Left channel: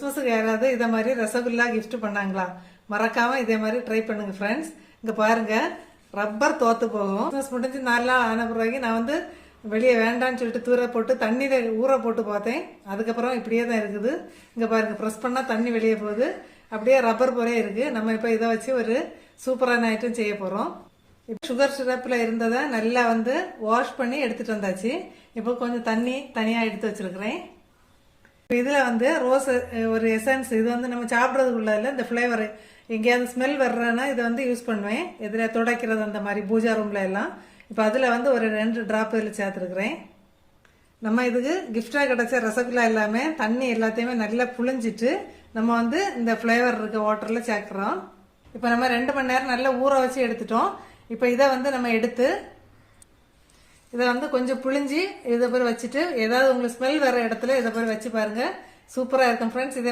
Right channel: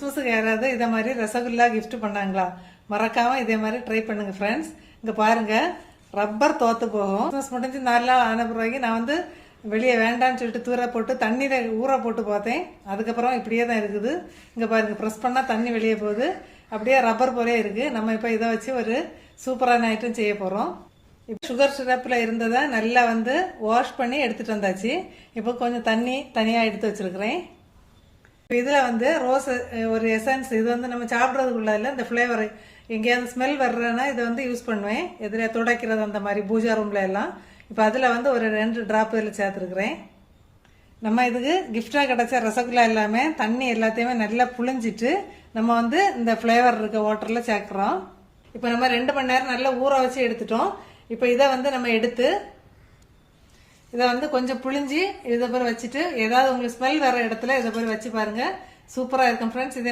கிறிஸ்மஸுக்கு யாராவது இதை மாதிரி ரசகுல்லா கிஃப்ட் பண்ணாங்களா? மறக்காம இதே மாதிரி ட்ரை பண்ணுங்க ஃப்ரெண்ட்ஸ். இங்க பாருங்க, ரப்பர் தோத்து போகும். கிறிஸ்மஸ் முடிஞ்சு 4 நாள் ஆன பிறகு நான் வந்து வெளியே வேண்டான்னு சொல்லிட்டு தூர போட்டு தண்ணியில ஊற போட்டு பார்த்தேன். அதுக்கப்புறம் இப்படியே தான் இருக்குது. இங்க பாருங்க, ப்ரெஸ் பண்ணா தண்ணி வெளியே போகுது. அப்படியே ரப்பர் போலே இருக்கு. நம்ம இப்ப இதை வச்சு ஒரு சூப்பரான ஐட்டம் செய்ய போறோம். இப்போ சுகர் சிரப்ல இருந்ததை நல்லா வந்து வாஷ் பண்ணி எடுத்துட்டு வந்தாச்சு. இப்போ கொஞ்சம் தண்ணி தனியா எடுத்து வச்சிருக்கிறேன். இதுல வந்து ரோஸ் ஒரு எசன்ஸ், இது வந்து நம்ம சாப்பிட்றதுக்குள்ள இல்லை, இந்த ஃபிளேவர் எங்கேயாவது ஸ்மெல் வர்றதுன்னா இது வந்து யூஸ் பண்ணுவேன். இதுல துடைக்கிறது அந்த மாதிரி பூஜா ரூம்ல எல்லாம். இப்போ அதுல வந்து ஒரு 2 டிராப் இதில் சேர்த்துருக்குறேன். நம்ம இதுக்கு கிஃப்டா கிடைச்ச ரசகுல்லா எல்லாமே தண்ணி எல்லாத்தையுமே நல்லா புழிஞ்சிட்டு நம்ம வந்து இந்த ஃபிளேவர் இருக்க வாட்டர்ல சேர்க்கிறோம். இப்போ நம்ம 2 மணி நேரம் நல்லா ஊற வச்சு எடுத்துட்டோம். இப்போ இதை வந்து நம்ம எடுத்து இதை வந்து கொஞ்சம் புழிஞ்சி இதை போய் வச்சுட்டு ஏதாவது உங்களுக்கு ஸ்மெல் வர இடத்துல இதை போய் வச்சு பாருங்க. சூப்பரா இருக்கும் ஃப்ரெண்ட்ஸ்.